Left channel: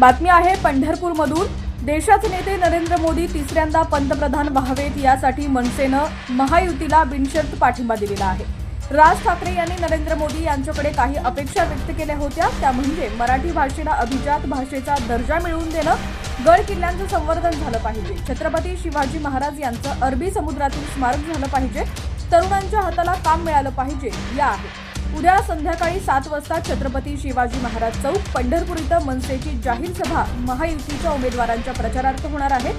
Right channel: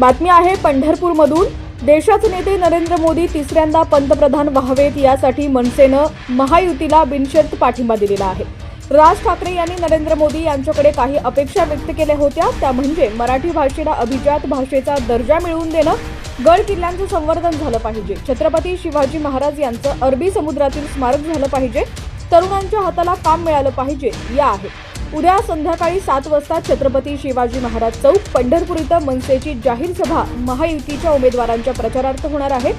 बातमी आहे पंढरपूरमधून. देशाचे नेते नरेंद्र मोदी तिसऱ्यांदा पंतप्रधान व्हावेत यासाठी मनसेनं महायुतीला बिनशर्त पाठिंबा दिलेला आहे. राज ठाकरे यांनी नरेंद्र मोदी यांच्याकडे काही अपेक्षा व्यक्त केल्या होत्या. त्या म्हणजे मराठी भाषेला अभिजात भाषेचा दर्जा मिळवून देणं. गड किल्ल्यांचं संवर्धन झालं पाहिजे. छत्रपती शिवाजी महाराज यांचं अरबी समुद्रातील स्मारक झालं पाहिजे. तरुणांच्या हाताला काम मिळालं पाहिजे. या आहेत उद्या संध्याकाळी सात वाजता छत्रपती शिवाजी महाराज चौक पंढरपूर इथं मनसेची जाहीर सभा महायुतीच्या उमेदवारांच्या प्रचारार्थ होणार आहे.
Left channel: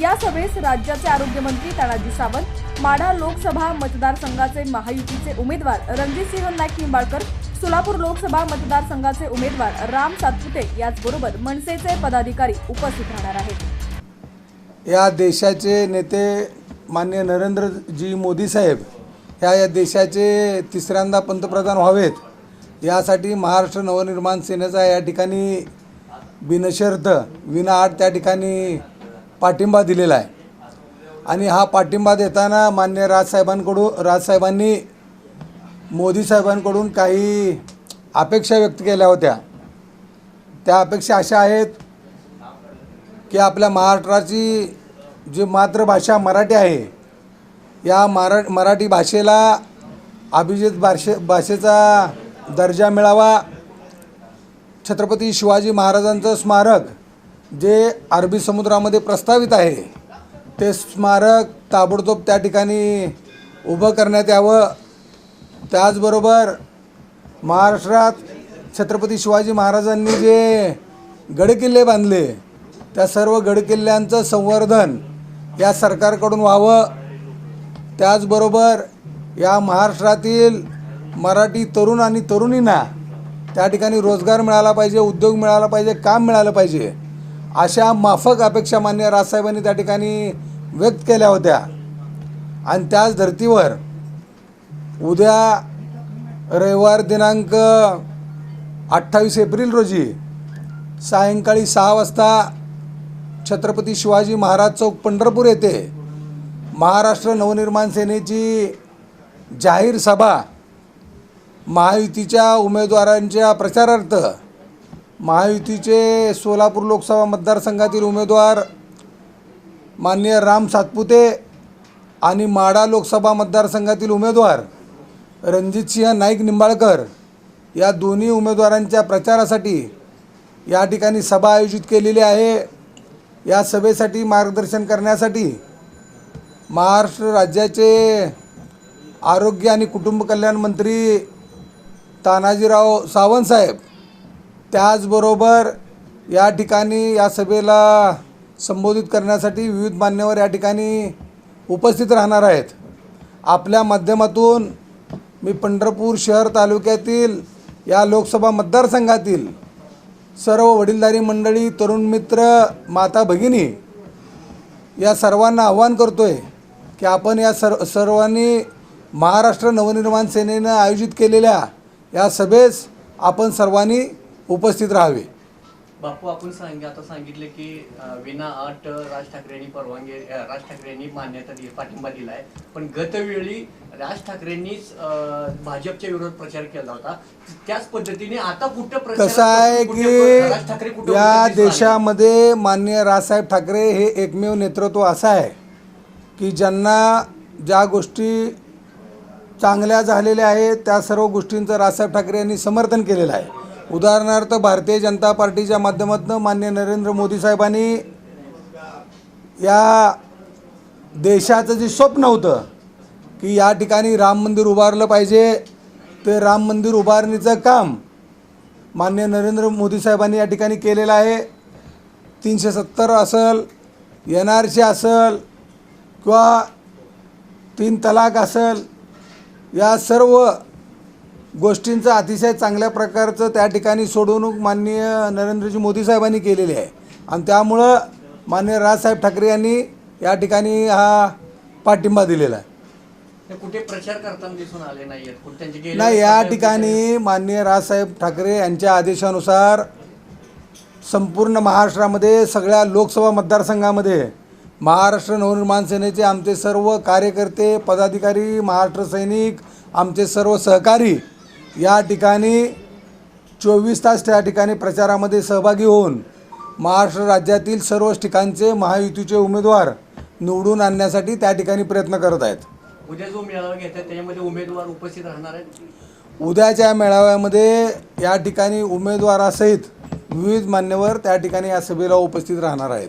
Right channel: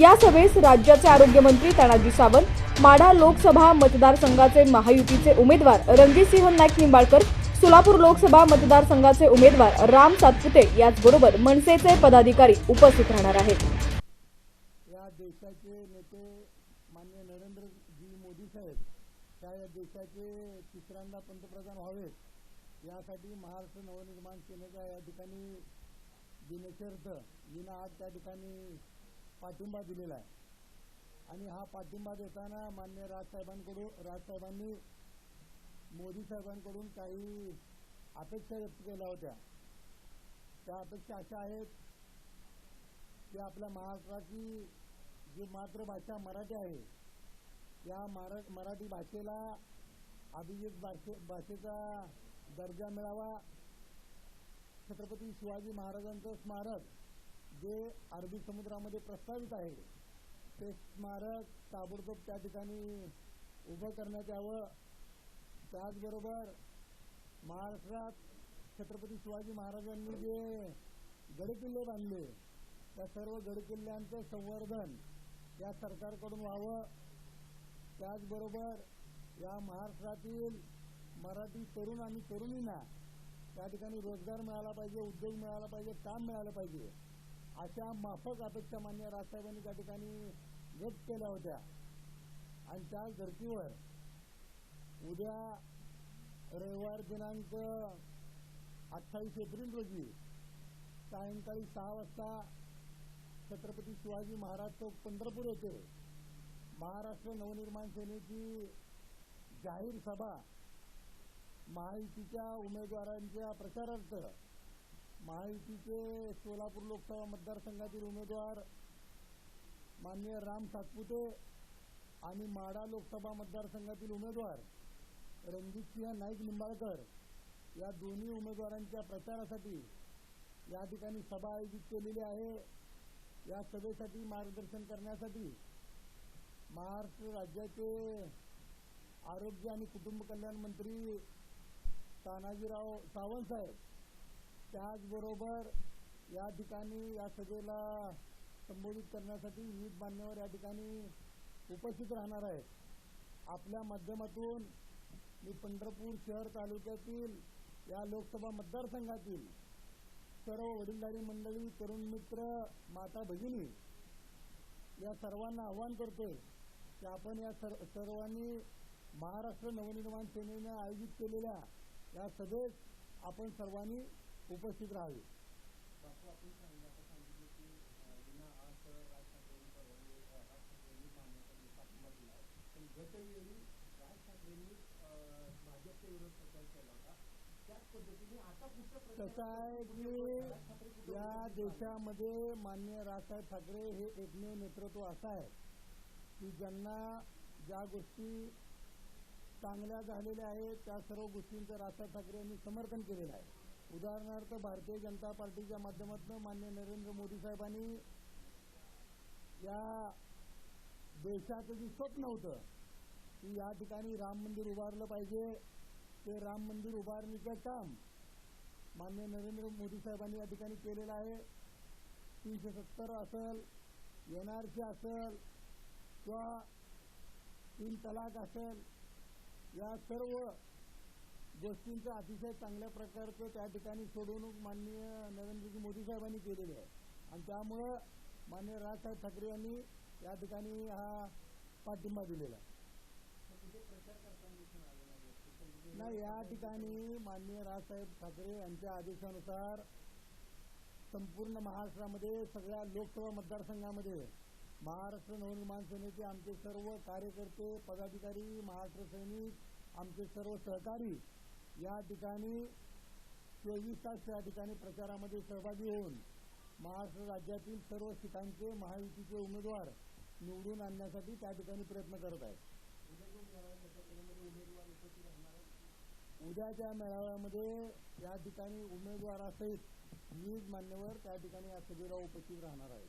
या सभेस राज्याचे आरोग्यमंत्री तानाजी सावंत माढा लोकसभा मतदारसंघाचे महायुतीचे उमेदवार रणजितसिंह नाईक निंबाळकर सोलापूर लोकसभा मतदारसंघाचे उमेदवार राम सातपुते याचबरोबर मनसेचे पदाधिकारी उपस्थित राहणार आहेत. या देशाचे नेते मान्य नरेंद्रजी मोदी साहेब ह्या या देशाचे तिसऱ्यांदा पंतप्रधान व्हावेत यासाठी महाराष्ट्र नवनिर्माण सेनेचा या ठिकाणी बिनशर्त विनाआट त्या ठिकाणी पाठिंबा दिलेला आहे. आणि हा पाठिंबा देताना मान्य राजसाहेबांकडून राजसाहेबांनी मोदी साहेबांकडून काही अपेक्षा व्यक्त केल्या होत्या. त्या अपेक्षा अशा आहेत की आपल्या महाराष्ट्राची जी मातृभाषा मराठी आहे या मरा मराठी भाषेला अभिजित भाषे भाषेचा दर्जा मिळावा. छत्रपती शिवाजी महाराजांचं स्मारक जे अरबी समुद्रामध्ये प्रस्तावित आहे ते स्मारक ताबडतोब त्या ठिकाणी उभं करण्यात यावं. त्याचबरोबर महाराष्ट्रात छत्रपती शिवाजी महाराजांनी जे गडकिल्ले बांधले त्या सर्व गडकिल्ल्यांचं संवर्धन या सरकारकडून व्हावं. त्याचबरोबर या महाराष्ट्रातील मराठी तरुण आणि तरुणींना त्या ठिकाणी रोजगार मिळाला पाहिजे उद्योग मिळाला पाहिजे काम मिळालं पाहिजे अशा माफक अपेक्षा मान्य राजसाहेबांनी त्या ठिकाणी व्यक्त केल्या होत्या. आणि त्याच धर्तीवर उद्या रविवार दिनांक अठ्ठावीस एप्रिल रोजी सायंकाळी सहा वाजता छत्रपती शिवाजी महाराज चौक पंढरपूर येथे महाराष्ट्र नवनिर्माण सेनेची जाहीर सभा महायुतीच्या उमेदवारांच्या प्रचारार्थ महायुतीचे सोलापूर लोकसभा मतदारसंघातील उमेदवार माननीय राम सातपुते आणि माडा लोकसभा मतदारसंघातील उमेदवार रणजितसिंह नाईक निंबाळकर या दोन्ही उमेदवारांच्या प्रचारासाठी या ठिकाणी सभा आयोजित केलेली आहे. या सभेसाठी मार्गदर्शन करण्यासाठी महाराष्ट्र राज्याचे आरोग्य आणि कुटुंब कल्याण मंत्री तानाजीराव सावंत साहेब त्याचबरोबर या ठिकाणी या सभेला संबोधित करण्यासाठी विविध मान्यवर या ठिकाणी उपस्थित राहणार आहेत. आपल्या माध्यमातून मी पंढरपूर शहर तालुक्यातील या लोकसभा मतदारसंघातील सर्व वडीलधारी मंडळी तरुण मित्र माता भगिनी या सर्वांना आव्हान आहे की आपण या सर्व सर्वांनी महाराष्ट्र नवनिर्माण सेनेनं आयोजित केलेल्या या सभेस आपण सर्वांनी उपस्थित राहावे. बापू आपण सांग आता सांगितले की विना अट राज ठाकरेंनी परवानगी राज ठाकरेंनी मान्यता दिली पाठिंबा दिलाय. पण गतवेळी राज ठाकरेंनीच भाजपच्या विरोधात प्रचार केला होता. त्याच पद्धतीने आता कुठं कसं आहे राज ठाकरे की या? देशामध्ये माननीय राजसाहेब ठाकरे हे एकमेव नेतृत्व असं आहे. की ज्यांना ज्या गोष्टी चांगल्या झालेल्या आहेत त्या सर्व गोष्टींचं राजसाहेब ठाकरे यांनी समर्थन केलेलं आहे. उदाहरणार्थ भारतीय जनता पार्टीच्या माध्यमातून मान्य नरेंद्र मोदी साहेबांनी या देशाचं जे स्वप्न होतं की या ठिकाणी राम मंदिर उभारलं पाहिजे ते राम मंदिर उभारणीचं काम मान्य नरेंद्र मोदी साहेबांनी या ठिकाणी केलेलं आहे. तीनशे सत्तर असल एन आर सी असल किंवा तीन तलाक असल या सर्व गोष्टींचं अतिशय चांगल्या प्रकारचं त्या ठिकाणी सोडवणूक माननीय नरेंद्रजी मोदी साहेबांनी केलेली आहे. आणि त्यामुळं माननीय राजसाहेब ठाकरे यांनी या ठिकाणी हा पाठिंबा दिलेला आहे. कुठे प्रचार करताना दिसून आले गेल्या नाही या ठिकाणी माननीय राजसाहेब ठाकरे यांच्या आदेशानुसार संपूर्ण महाराष्ट्रामध्ये सगळ्या लोकसभा मतदारसंघामध्ये महाराष्ट्र नवनिर्माण सेनेचे आमचे सर्व कार्यकर्ते पदाधिकारी महाराष्ट्र सैनिक आमचे सर्व सहकारी या ठिकाणी चोवीस तास त्या ठिकाणी प्रचारामध्ये सहभागी होऊन महाराष्ट्र राज्यातील सर्वच ठिकाणचे महायुतीचे उमेदवार निवडून आणण्यासाठी त्या ठिकाणी प्रयत्न करत आहेत. उद्या जो मेळावा घेतात त्याच्यामध्ये उमेदवार उपस्थित राहणार आहेत? उद्याच्या मेळाव्यामध्ये या ठिकाणी उमेदवारासहित विविध मान्यवर त्या ठिकाणी या सभेला उपस्थित राहणार आहेत.